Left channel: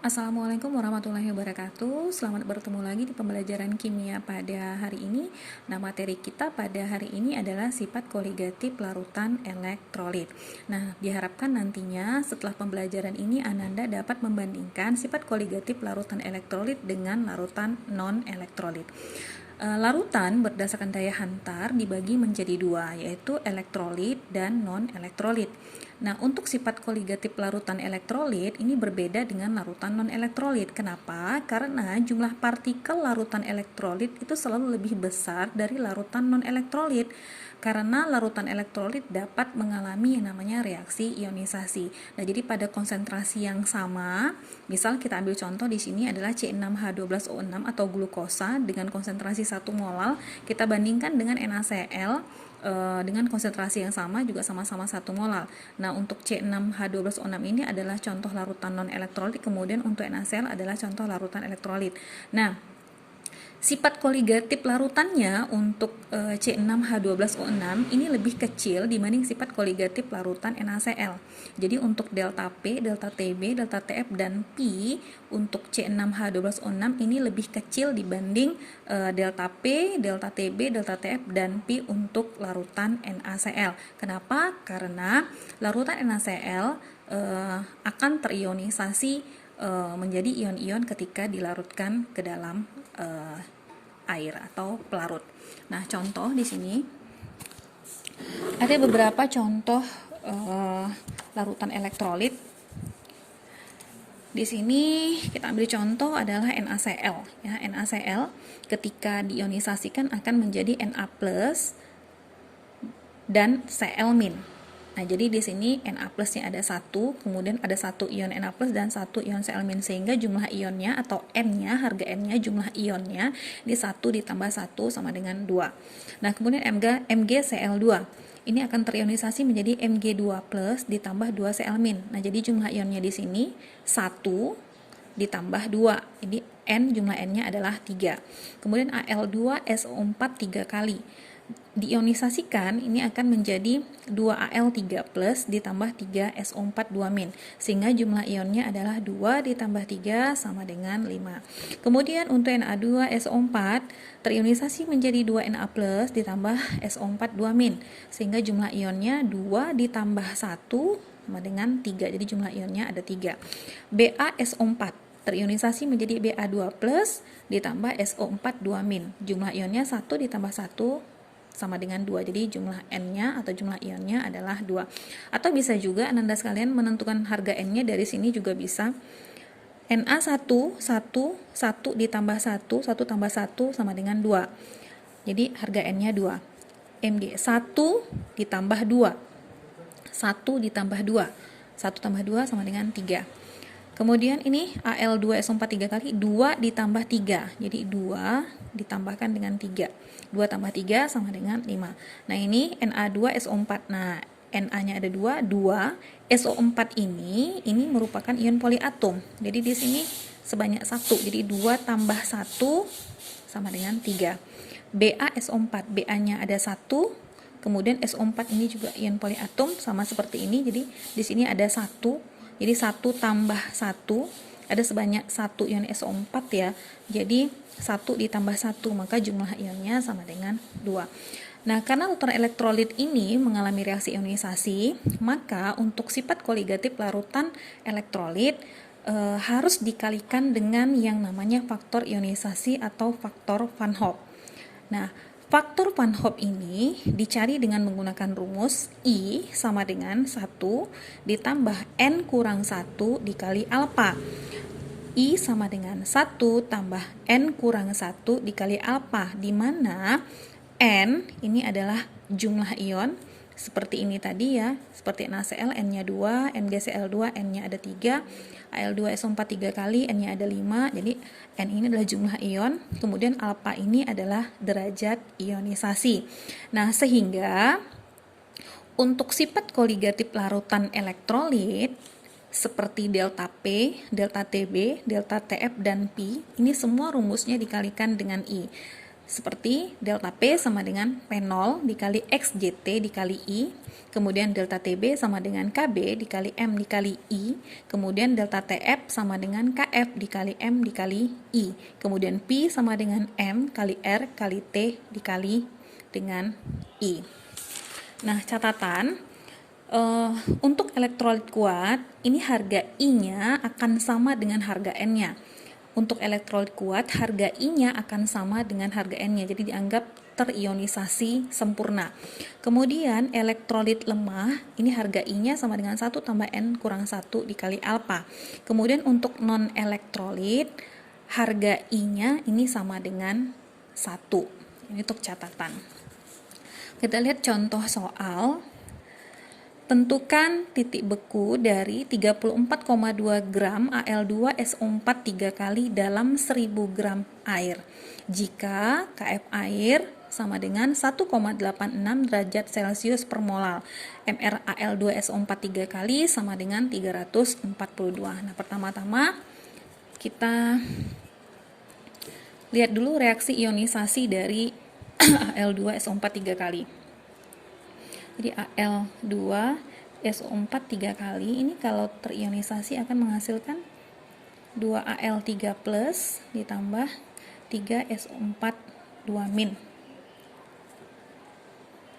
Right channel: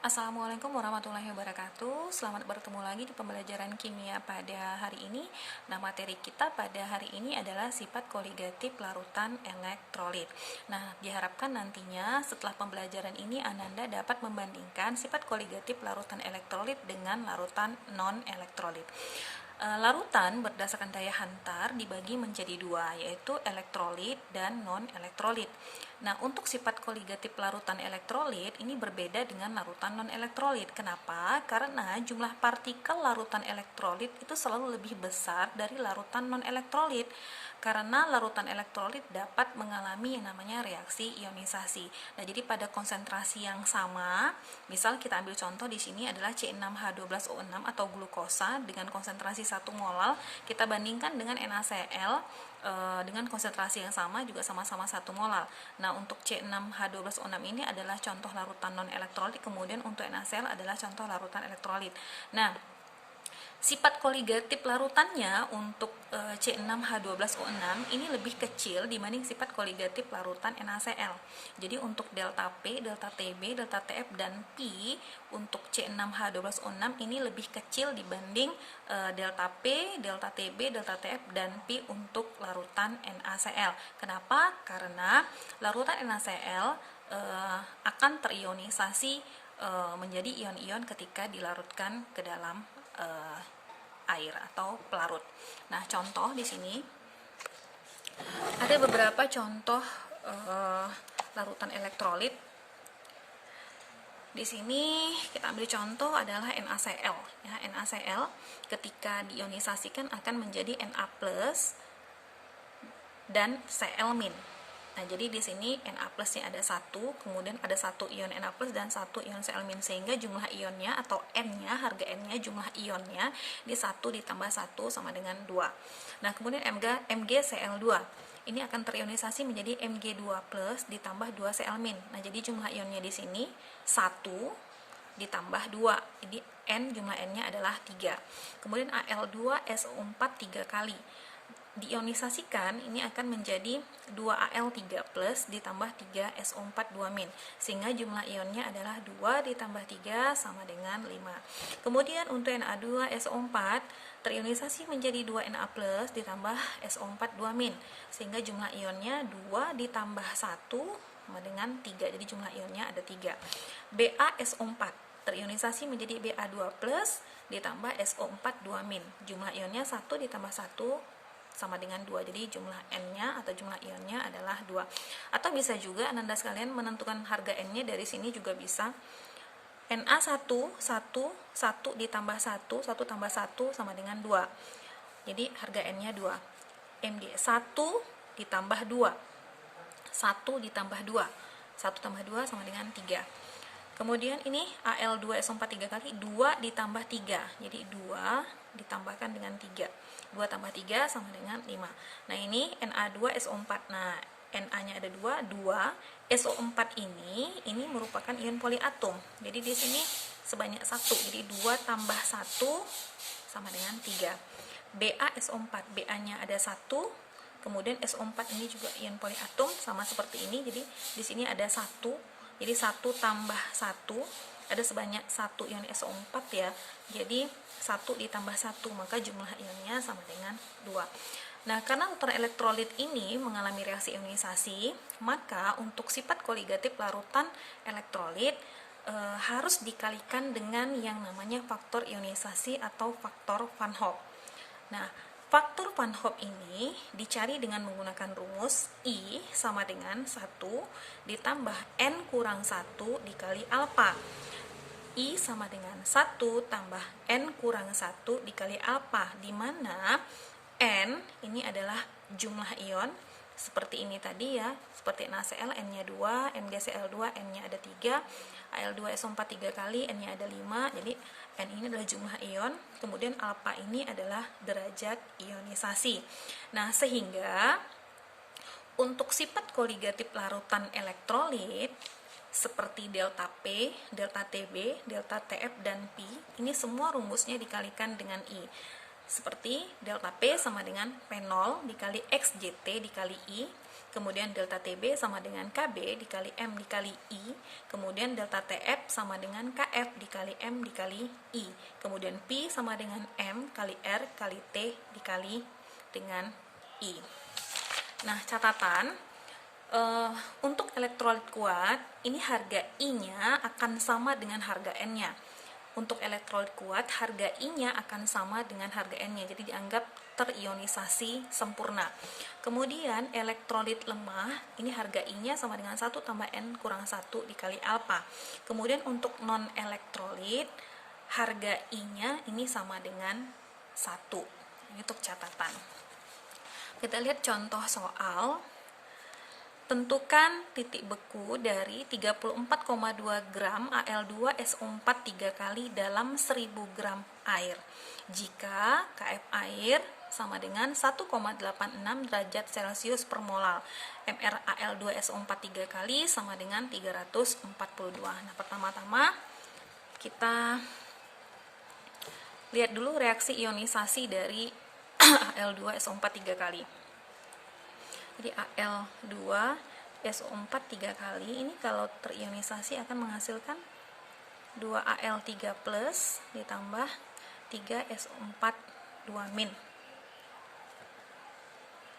Assalamualaikum warahmatullahi wabarakatuh. Selamat bertemu lagi di pembelajaran kimia pada hari ini. Nah, materi kita pada hari ini adalah sifat koligatif larutan elektrolit. Nah, diharapkan nantinya setelah pembelajaran ini Ananda dapat membandingkan sifat koligatif larutan elektrolit dengan larutan non-elektrolit. Larutan berdasarkan daya hantar dibagi menjadi dua, yaitu elektrolit dan non-elektrolit. Nah, untuk sifat koligatif larutan elektrolit ini berbeda dengan larutan non-elektrolit. Kenapa? Karena jumlah partikel larutan elektrolit itu selalu lebih besar dari larutan non-elektrolit. Karena larutan elektrolit dapat mengalami yang namanya reaksi ionisasi. Nah, jadi pada konsentrasi yang sama, misal kita ambil contoh di sini adalah C6H12O6 atau glukosa dengan konsentrasi 1 molal, kita bandingkan dengan NaCl dengan konsentrasi yang sama juga sama-sama 1 molal. Nah, untuk C6H12O6 ini adalah contoh larutan non-elektrolit, kemudian untuk NaCl adalah contoh larutan elektrolit. Nah, sifat koligatif larutannya untuk C6H12O6 ini lebih kecil dibanding sifat koligatif larutan NaCl. Jadi untuk delta P, delta Tb, delta Tf, dan P untuk C6H12O6 ini lebih kecil dibanding delta P, delta Tb, delta Tf, dan P untuk larutan NaCl. Kenapa? Karena larutan NaCl akan terionisasi menjadi ion-ion ketika dilarutkan ke dalam air atau pelarut. Nah, contoh di sini ada beberapa contoh larutan elektrolit. Di sini kita ambil contoh adalah NaCl. Ya, NaCl ketika diionisasikan akan menjadi Na+ dan Cl-. Nah, jadi di sini Na plusnya ada 1, kemudian ada 1 ion Na plus dan 1 ion Cl-, sehingga jumlah ionnya atau N-nya, harga N-nya, jumlah ionnya di 1 ditambah 1 sama dengan 2. Nah, kemudian MgCl2 ini akan terionisasi menjadi Mg2 plus ditambah 2 Cl-. Nah, jadi jumlah ionnya di sini 1 ditambah 2. Jadi N, jumlah N-nya adalah 3. Kemudian Al2SO4 3 kali diionisasikan, ini akan menjadi 2Al3 plus ditambah 3SO4 2-, sehingga jumlah ionnya adalah 2 ditambah 3 sama dengan 5. Kemudian untuk Na2SO4 terionisasi menjadi 2Na plus ditambah SO4 2-, sehingga jumlah ionnya 2 ditambah 1 sama dengan 3, jadi jumlah ionnya ada 3. BaSO4 terionisasi menjadi Ba2 plus ditambah SO4 2-, jumlah ionnya 1 ditambah 1 sama dengan 2, jadi jumlah N-nya atau jumlah ionnya adalah 2. Atau bisa juga Ananda sekalian menentukan harga N-nya dari sini juga bisa. Na1 1 ditambah 1 tambah 1 sama dengan 2, jadi harga N-nya 2. Mg 1 ditambah 2, 1 ditambah 2, 1 tambah 2 sama dengan 3. Kemudian ini Al2SO4 3 kali, 2 ditambah 3, jadi 2 ditambahkan dengan 3, 2 tambah 3 sama dengan 5. Nah, ini Na2SO4. Nah, Na-nya ada 2, SO4 ini merupakan ion poliatom. Jadi di sini sebanyak 1. Jadi 2 tambah 1 sama dengan 3. BaSO4, Ba-nya ada 1. Kemudian SO4 ini juga ion poliatom sama seperti ini. Jadi di sini ada 1. Jadi 1 tambah 1 ada sebanyak 1 ion SO4 ya. Jadi 1 ditambah 1, maka jumlah ionnya sama dengan 2. Nah, karena larutan elektrolit ini mengalami reaksi ionisasi, maka untuk sifat koligatif larutan elektrolit harus dikalikan dengan yang namanya faktor ionisasi atau faktor Van Hoff. Nah, faktor Van Hoff ini dicari dengan menggunakan rumus I sama dengan 1 ditambah N kurang 1 dikali alfa. I sama dengan 1 tambah N kurang 1 dikali alfa, di mana N ini adalah jumlah ion seperti ini tadi ya, seperti NaCl N-nya 2, MgCl2 N-nya ada 3, Al2SO4 3 kali N-nya ada 5, jadi N ini adalah jumlah ion, kemudian alfa ini adalah derajat ionisasi. Nah, sehingga untuk sifat koligatif larutan elektrolit seperti delta P, delta Tb, delta Tf, dan P, ini semua rumusnya dikalikan dengan I. Seperti delta P sama dengan P0 dikali XJT dikali I, kemudian delta TB sama dengan KB dikali M dikali I, kemudian delta TF sama dengan KF dikali M dikali I, kemudian P sama dengan M kali R kali T dikali dengan I. Nah, catatan, untuk elektrolit kuat, ini harga I-nya akan sama dengan harga N-nya. Untuk elektrolit kuat, harga I-nya akan sama dengan harga N-nya, jadi dianggap terionisasi sempurna. Kemudian elektrolit lemah, ini harga I-nya sama dengan 1 tambah N kurang 1 dikali alfa. Kemudian untuk non-elektrolit, harga I-nya ini sama dengan 1. Ini untuk catatan. Kita lihat contoh soal. Tentukan titik beku dari 34,2 gram Al2SO4 3 kali dalam 1000 gram air. Jika Kf air sama dengan 1,86 derajat Celcius per molal. Mr Al2SO4 3 kali sama dengan 342. Nah, pertama-tama kita lihat dulu reaksi ionisasi dari Al2SO4 3 kali. Jadi Al2SO4 3 kali ini kalau terionisasi akan menghasilkan 2Al3 plus ditambah 3SO4 2-.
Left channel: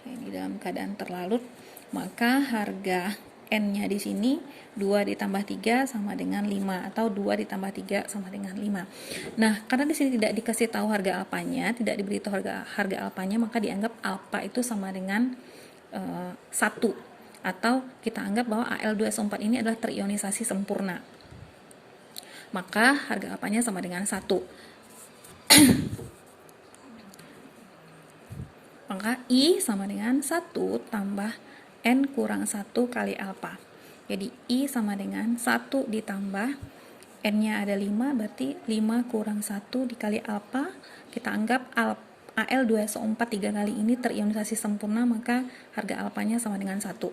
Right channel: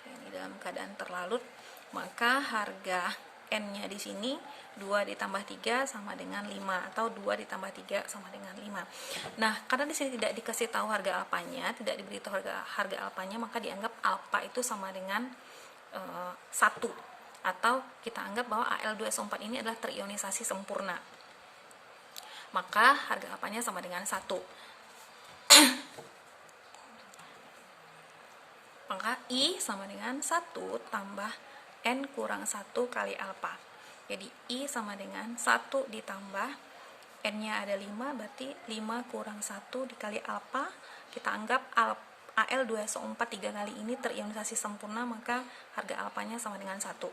Ini dalam keadaan terlarut, maka harga N-nya di sini 2 ditambah 3 sama dengan 5 atau 2 ditambah 3 sama dengan 5. Nah, karena di sini tidak dikasih tahu harga alfanya, tidak diberitahu harga alfanya, maka dianggap alfa itu sama dengan 1, atau kita anggap bahwa Al2SO4 ini adalah terionisasi sempurna, maka harga alfanya sama dengan 1. Maka I sama dengan 1 tambah N kurang 1 kali alfa. Jadi I sama dengan 1 ditambah N-nya ada 5, berarti 5 kurang 1 dikali alfa. Kita anggap Al2SO4 3 kali ini terionisasi sempurna, maka harga alfanya sama dengan 1.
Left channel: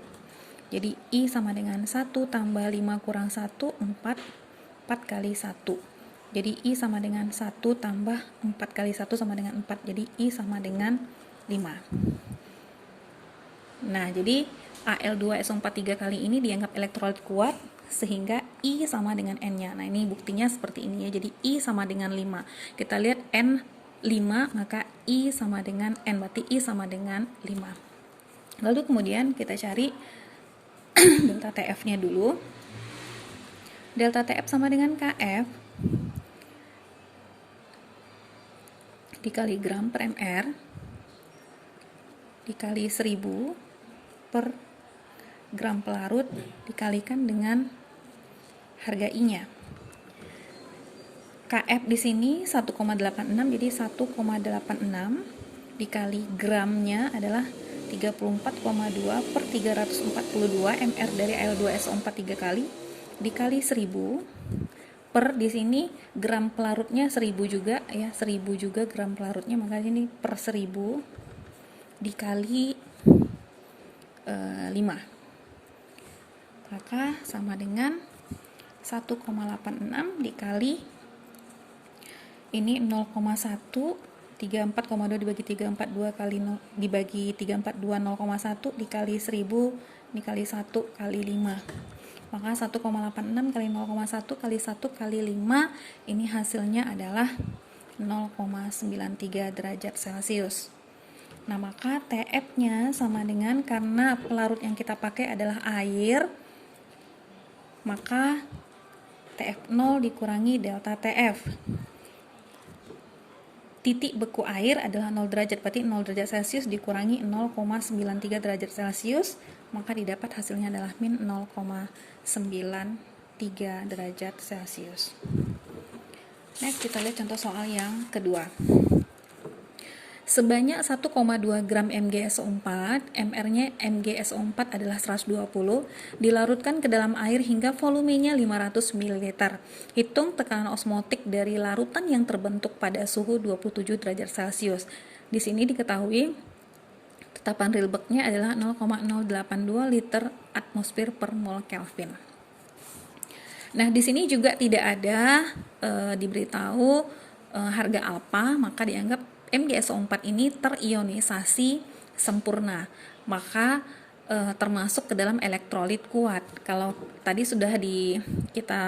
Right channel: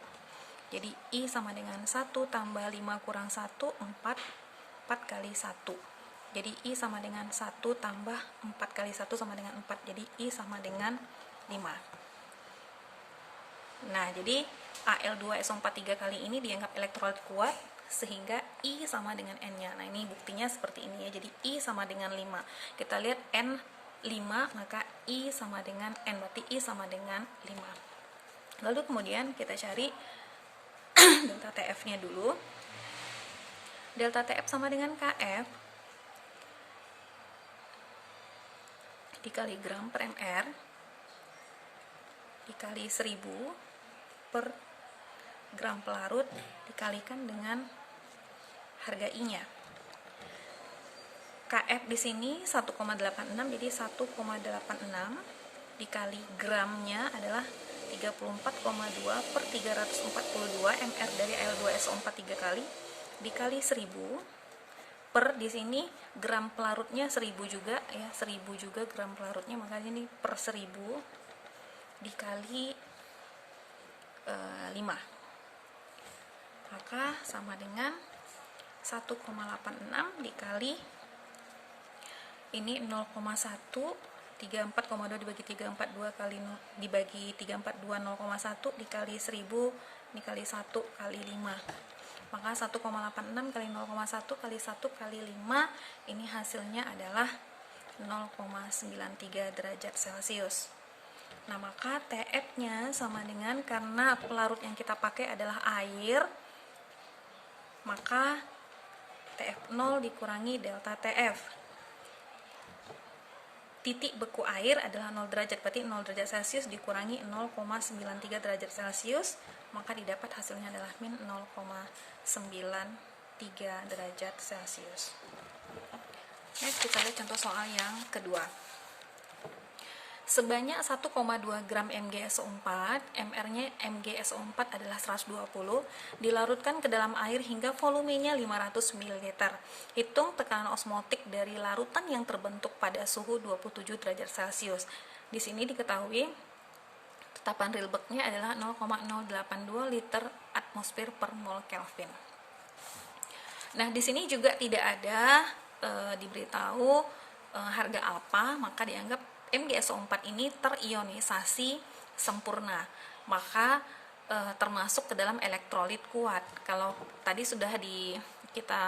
Jadi I sama dengan 1 tambah 5 kurang 1, 4 kali 1. Jadi I sama dengan 1 tambah 4 kali 1 sama dengan 4. Jadi I sama dengan 5. Nah, jadi Al2SO4 3 kali ini dianggap elektrolit kuat, sehingga I sama dengan N-nya. Nah, ini buktinya seperti ini ya. Jadi I sama dengan 5. Kita lihat N 5, maka I sama dengan N, berarti I sama dengan 5. Lalu kemudian kita cari delta TF-nya dulu. Delta TF sama dengan KF dikali gram per mr dikali 1000 per gram pelarut dikalikan dengan harga I-nya. KF di sini 1,86, jadi 1,86 dikali gramnya adalah 34,2 per 342 mr dari Al2SO4 3 kali dikali 1000 per, di sini gram pelarutnya 1000 juga ya, 1000 juga gram pelarutnya, maka ini per 1000 dikali 5, maka sama dengan 1,86 dikali ini 0,1, 34,2 dibagi 342 kali 0, dibagi 342 0,1 dikali 1000 dikali 1 kali 5, maka 1,86 kali 0,1 kali 1 kali 5 ini hasilnya adalah 0,93 derajat Celcius. Nah, maka TF-nya sama dengan, karena pelarut yang kita pakai adalah air, maka TF0 dikurangi delta TF. Titik beku air adalah 0 derajat, berarti 0 derajat Celcius dikurangi 0,93 derajat Celcius, maka didapat hasilnya adalah min 0,93 derajat Celcius. Next, kita lihat contoh soal yang kedua. Sebanyak 1,2 gram MgSO4, MR-nya MgSO4 adalah 120, dilarutkan ke dalam air hingga volumenya 500 ml. Hitung tekanan osmotik dari larutan yang terbentuk pada suhu 27 derajat Celcius. Di sini diketahui tetapan Rydberg-nya adalah 0,082 liter atmosfer per mol Kelvin. Nah, di sini juga tidak ada diberitahu harga alfa, maka dianggap MgSO4 ini terionisasi sempurna. Maka termasuk ke dalam elektrolit kuat. Kalau tadi sudah kita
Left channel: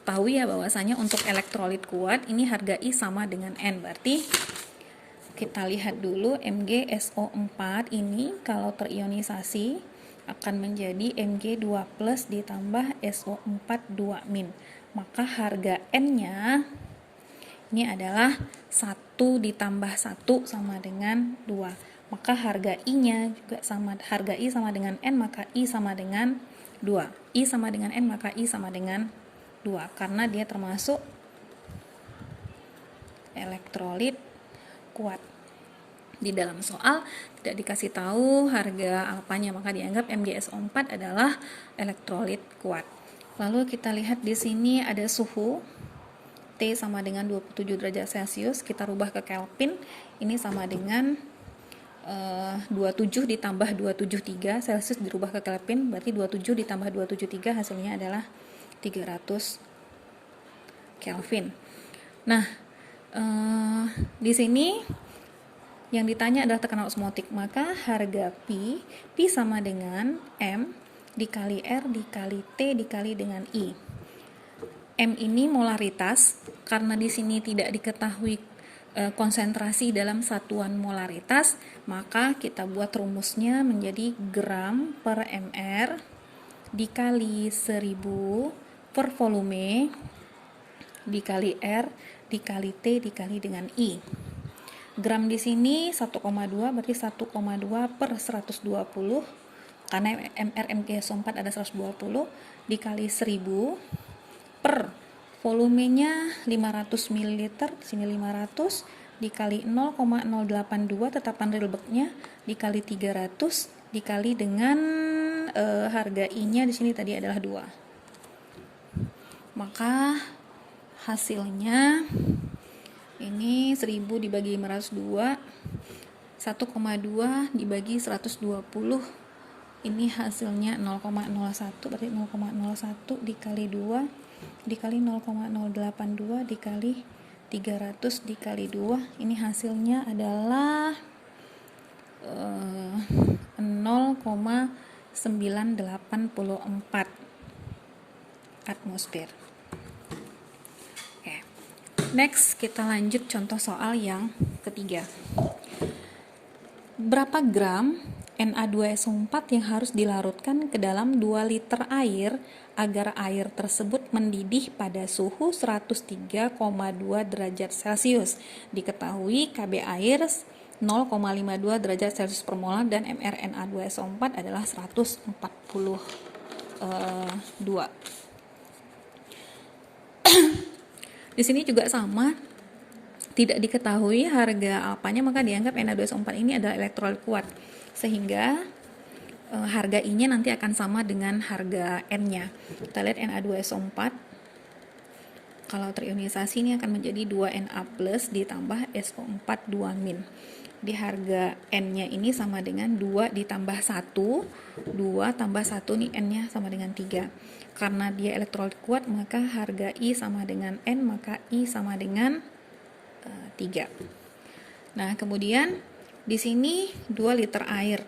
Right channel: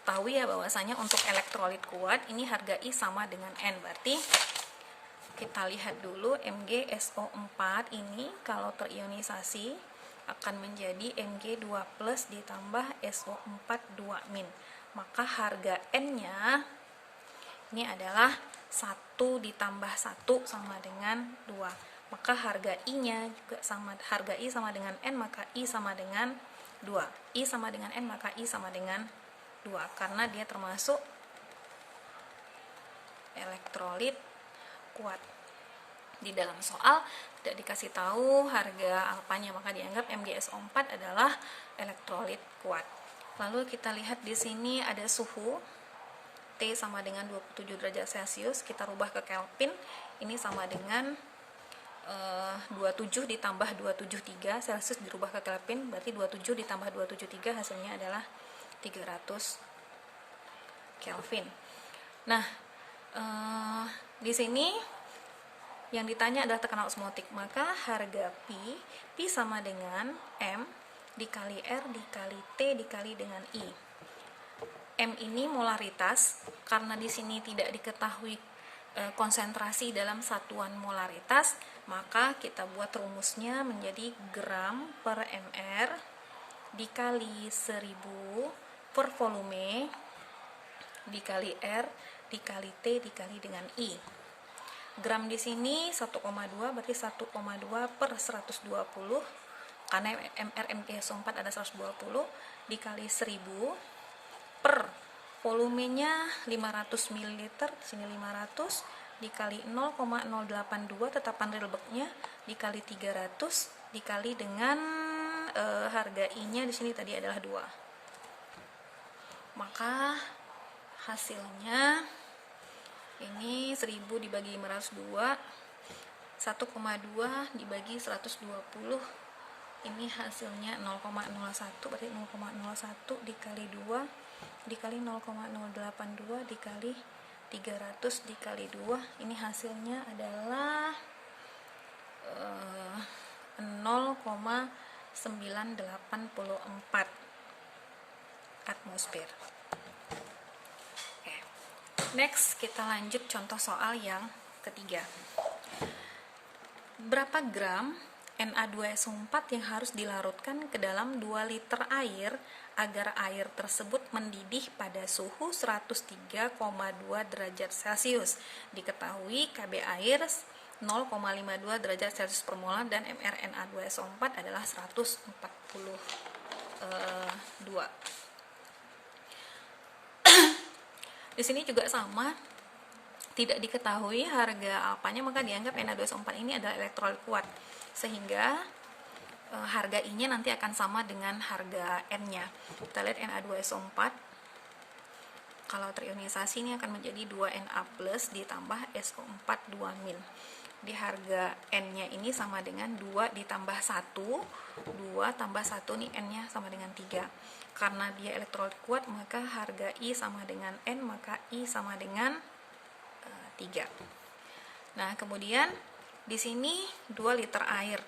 ketahui ya bahwasanya untuk elektrolit kuat ini harga I sama dengan N. Berarti kita lihat dulu MgSO4 ini kalau terionisasi akan menjadi Mg2+ ditambah SO4 2-. Maka harga N-nya ini adalah 1 ditambah 1 sama dengan 2. Maka harga I-nya juga sama, harga I sama dengan N, maka I sama dengan 2. I sama dengan N, maka I sama dengan 2. Karena dia termasuk elektrolit kuat. Di dalam soal tidak dikasih tahu harga alfanya, maka dianggap MgSO4 adalah elektrolit kuat. Lalu kita lihat di sini ada suhu T sama dengan 27 derajat Celcius, kita rubah ke Kelvin, ini sama dengan 27 ditambah 273, Celcius dirubah ke Kelvin, berarti 27 ditambah 273 hasilnya adalah 300 Kelvin. Nah, di sini yang ditanya adalah tekanan osmotik, maka harga P sama dengan M dikali R dikali T dikali dengan I. M ini molaritas, karena di sini tidak diketahui konsentrasi dalam satuan molaritas, maka kita buat rumusnya menjadi gram per mr dikali 1000 per volume dikali R dikali T dikali dengan I. Gram di sini 1,2 berarti 1,2 per 120, karena MgSO4 ada 120 dikali 1000 per volumenya 500 ml, di sini 500 dikali 0,082 tetapan Rydbergnya dikali 300 dikali dengan harga I-nya di sini tadi adalah 2. Maka hasilnya ini 1000 dibagi 502, 1,2 dibagi 120, ini hasilnya 0,01, berarti 0,01 dikali 2 dikali 0,082 dikali 300 dikali 2, ini hasilnya adalah 0,984 atmosfer. Next, kita lanjut contoh soal yang ketiga. Berapa gram Na2SO4 yang harus dilarutkan ke dalam 2 liter air agar air tersebut mendidih pada suhu 103,2 derajat Celcius? Diketahui Kb air 0,52 derajat Celcius per molar dan mRNA2SO4 adalah 142. Di sini juga sama, tidak diketahui harga alfanya, maka dianggap Na2SO4 ini adalah elektrolit kuat, sehingga harga I-nya nanti akan sama dengan harga N-nya. Kita lihat Na2SO4 kalau terionisasi ini akan menjadi 2Na+ ditambah SO4 2-. Di harga N-nya ini sama dengan 2 ditambah 1, 2 tambah 1 nih N-nya sama dengan 3. Karena dia elektrolit kuat, maka harga I sama dengan N, maka I sama dengan 3. Nah, kemudian di sini 2 liter air.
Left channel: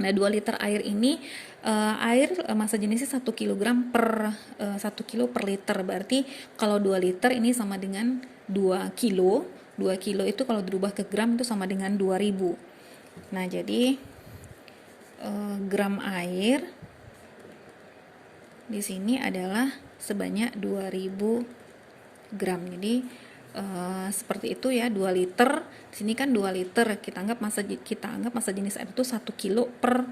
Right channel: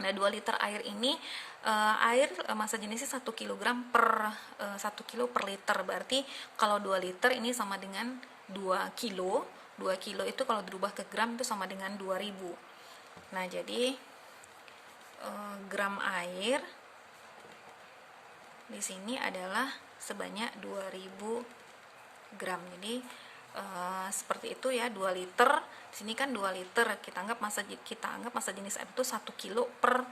Nah, 2 liter air ini air massa jenisnya 1 kg per 1 kilo per liter. Berarti kalau 2 liter ini sama dengan 2 kilo. 2 kilo itu kalau dirubah ke gram itu sama dengan 2000. Nah, jadi gram air di sini adalah sebanyak 2000 gram. Jadi seperti itu ya, 2 liter. Di sini kan 2 liter, kita anggap massa jenis air itu 1 kilo per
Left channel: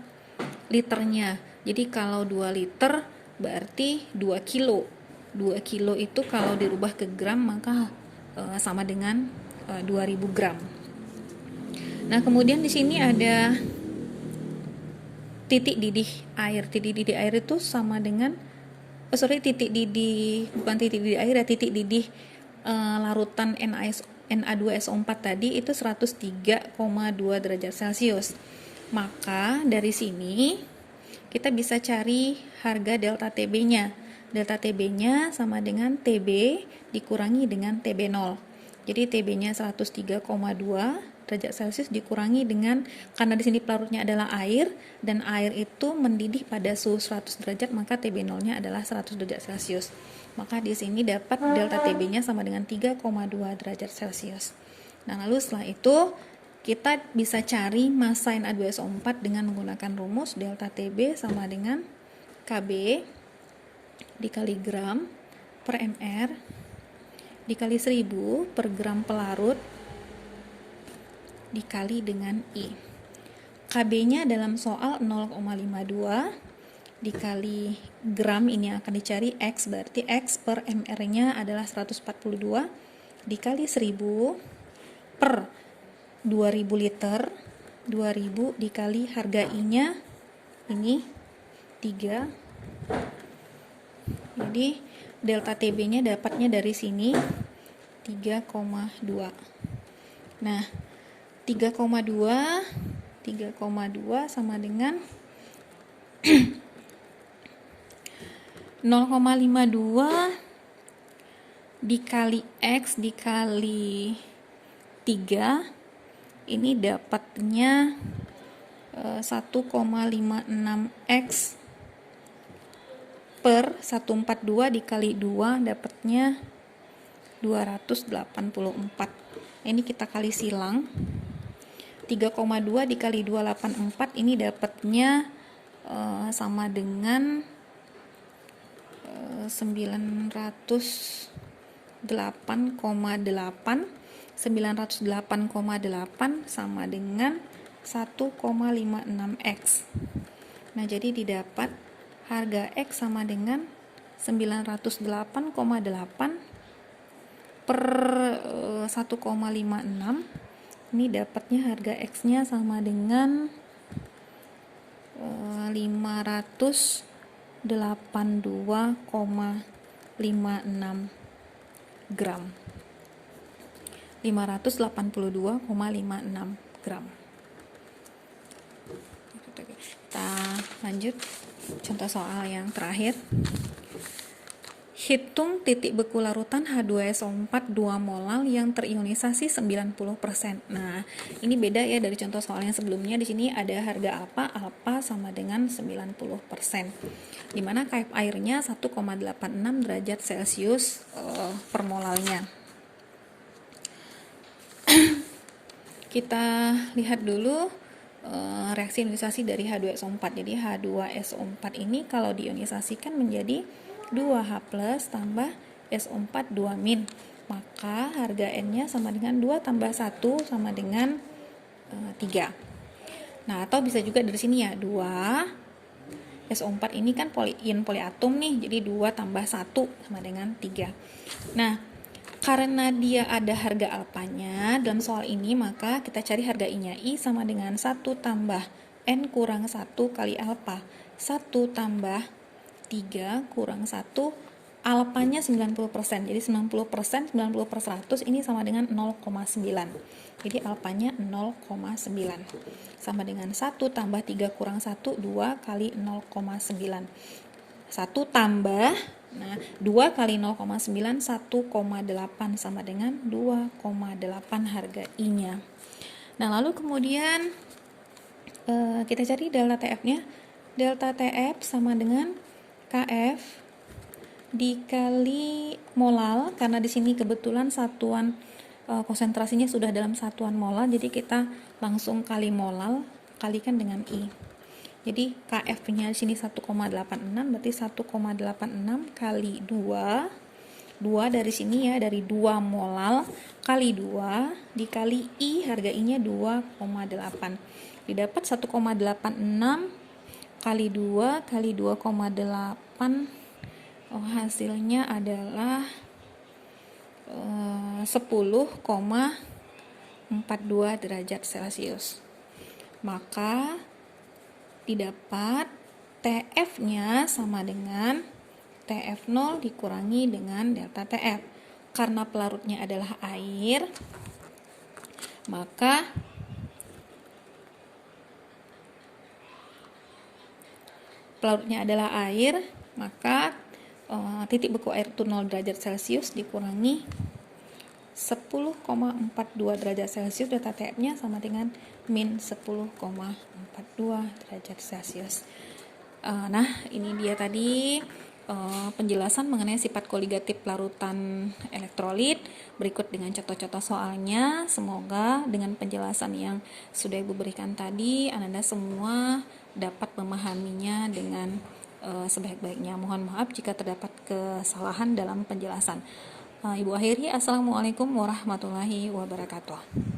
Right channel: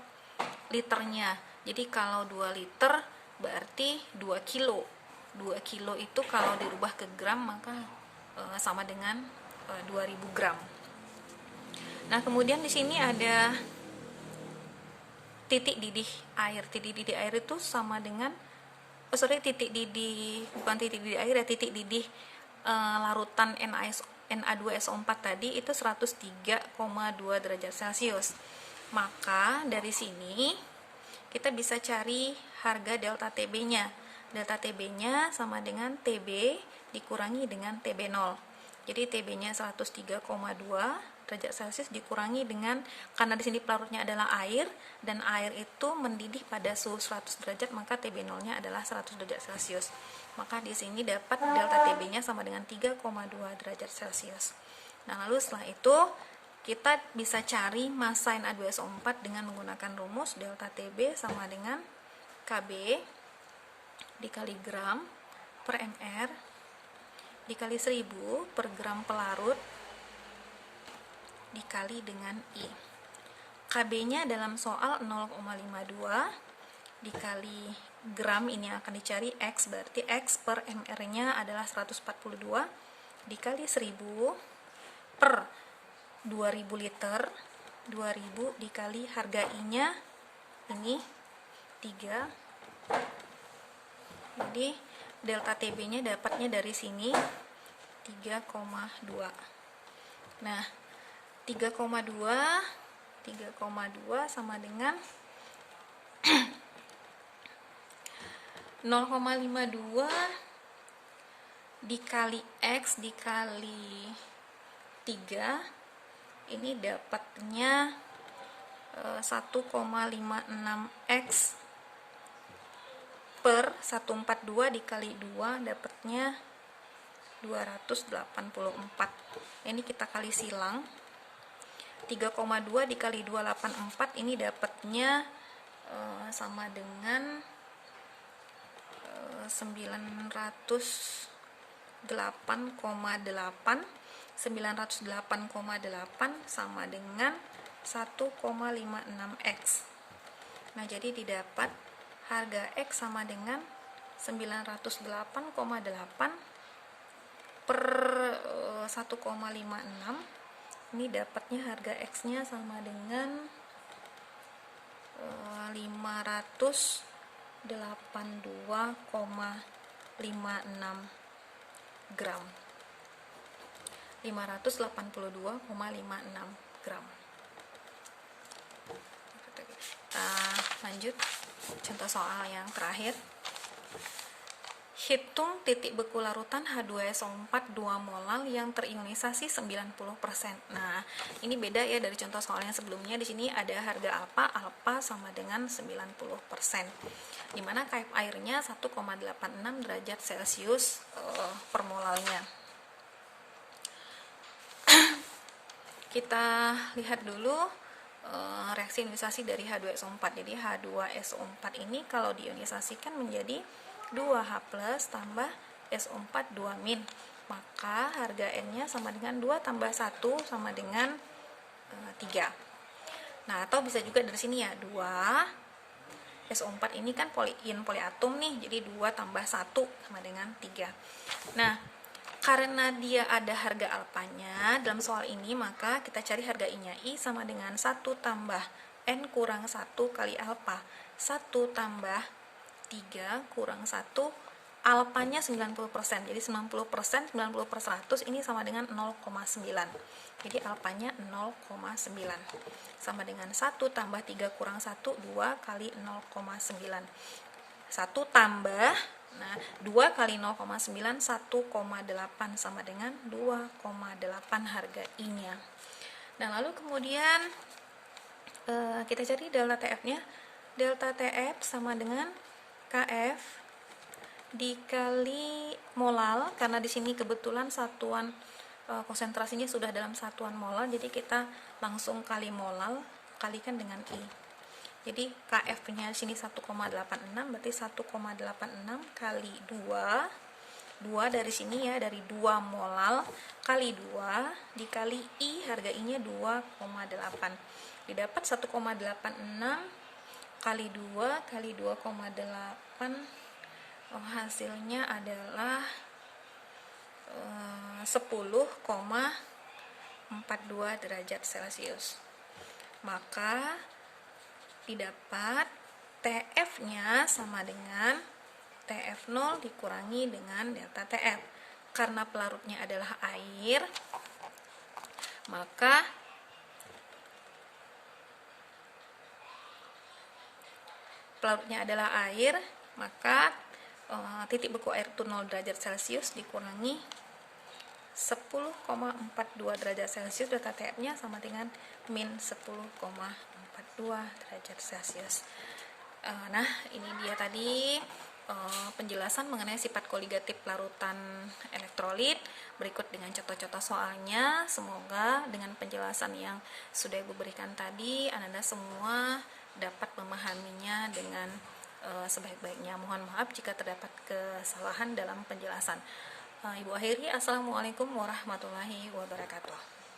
liternya. Jadi kalau 2 liter berarti 2 kilo. 2 kilo itu kalau dirubah ke gram maka sama dengan 2000 gram. Nah, kemudian di sini ada titik didih air. Titik didih air itu sama dengan titik didih, bukan titik didih air ya, titik didih larutan Na2SO4 tadi itu 103,2 derajat Celcius. Maka dari sini kita bisa cari harga delta TB-nya. Delta TB-nya sama dengan TB dikurangi dengan TB0. Jadi TB-nya 103,2 derajat Celcius dikurangi dengan, karena di sini pelarutnya adalah air dan air itu mendidih pada suhu 100 derajat, maka TB0-nya adalah 100 derajat Celcius. Maka di sini dapat delta TB-nya sama dengan 3,2 derajat Celcius. Nah, lalu setelah itu kita bisa cari massa Na2SO4 dengan menggunakan rumus delta TB sama dengan KB dikali gram per mr dikali 1000 per gram pelarut dikali dengan I. KB-nya dalam soal 0,52 dikali gram, ini akan dicari X, berarti X per mr-nya adalah 142 dikali 1000 per 2000 liter, 2000 dikali harga I-nya ini 3. Jadi delta TB-nya dapatnya dari sini 3,2. Nah, 3,2 sama dengan 0,52 dikali X dikali 3, ini dapatnya 1,56X per 142 dikali 2 dapatnya 284. Ini kita kali silang. 3,2 dikali 284 ini dapatnya sama dengan 908,8 sama dengan 1,56X. Nah, jadi didapat harga X sama dengan 908,8 per 1,56. Ini dapatnya harga X-nya sama dengan 582,56 gram. 582,56 gram. Kita lanjut contoh soal yang terakhir. Hitung titik beku larutan H2SO4 2 molal yang terionisasi 90%. Nah, ini beda ya dari contoh soal yang sebelumnya. Di sini ada harga alfa, alfa sama dengan 90%. Dimana KF airnya 1,86 derajat Celcius per molalnya. Kita lihat dulu reaksi ionisasi dari H2SO4. Jadi H2SO4 ini kalau diionisasikan menjadi 2H plus tambah SO4 2-, maka harga N-nya sama dengan 2 tambah 1 sama dengan 3. Nah, atau bisa juga dari sini ya, 2 SO4 ini kan ion poliatom nih, jadi 2 tambah 1 sama dengan 3. Nah, karena dia ada harga alfanya dalam soal ini, maka kita cari harga I-nya. I sama dengan 1 tambah N kurang 1 kali alfa. 1 tambah 3 kurang 1, alfanya 90%. Jadi 90% 90 per 100 ini sama dengan 0,9. Jadi alfanya 0,9. Sama dengan 1 tambah 3 kurang 1, 2 kali 0,9. 1 tambah, nah 2 kali 0,9, 1,8 sama dengan 2,8 harga I-nya. Nah, lalu kemudian kita cari delta TF-nya. Delta TF sama dengan KF dikali molal, karena di sini kebetulan satuan konsentrasinya sudah dalam satuan molal, jadi kita langsung kali molal kalikan dengan I. Jadi KF-nya di sini 1,86, berarti 1,86 kali 2. 2 dari sini ya, dari 2 molal kali 2 dikali I, harga I-nya 2,8. Didapat 1,86 kali 2 kali 2,8, hasilnya adalah 10,42 derajat Celcius. Maka didapat TF-nya sama dengan TF0 dikurangi dengan delta TF. Karena pelarutnya adalah air, maka titik beku air itu 0 derajat Celcius dikurangi 10,42 derajat Celcius, delta TF-nya sama dengan min 10,42 derajat Celcius. Nah, ini dia tadi penjelasan mengenai sifat koligatif larutan elektrolit. Berikut dengan contoh-contoh soalnya. Semoga dengan penjelasan yang sudah Ibu berikan tadi, Anda semua dapat memahaminya dengan sebaik-baiknya. Mohon maaf jika terdapat kesalahan dalam penjelasan. Ibu akhiri, Assalamualaikum warahmatullahi wabarakatuh.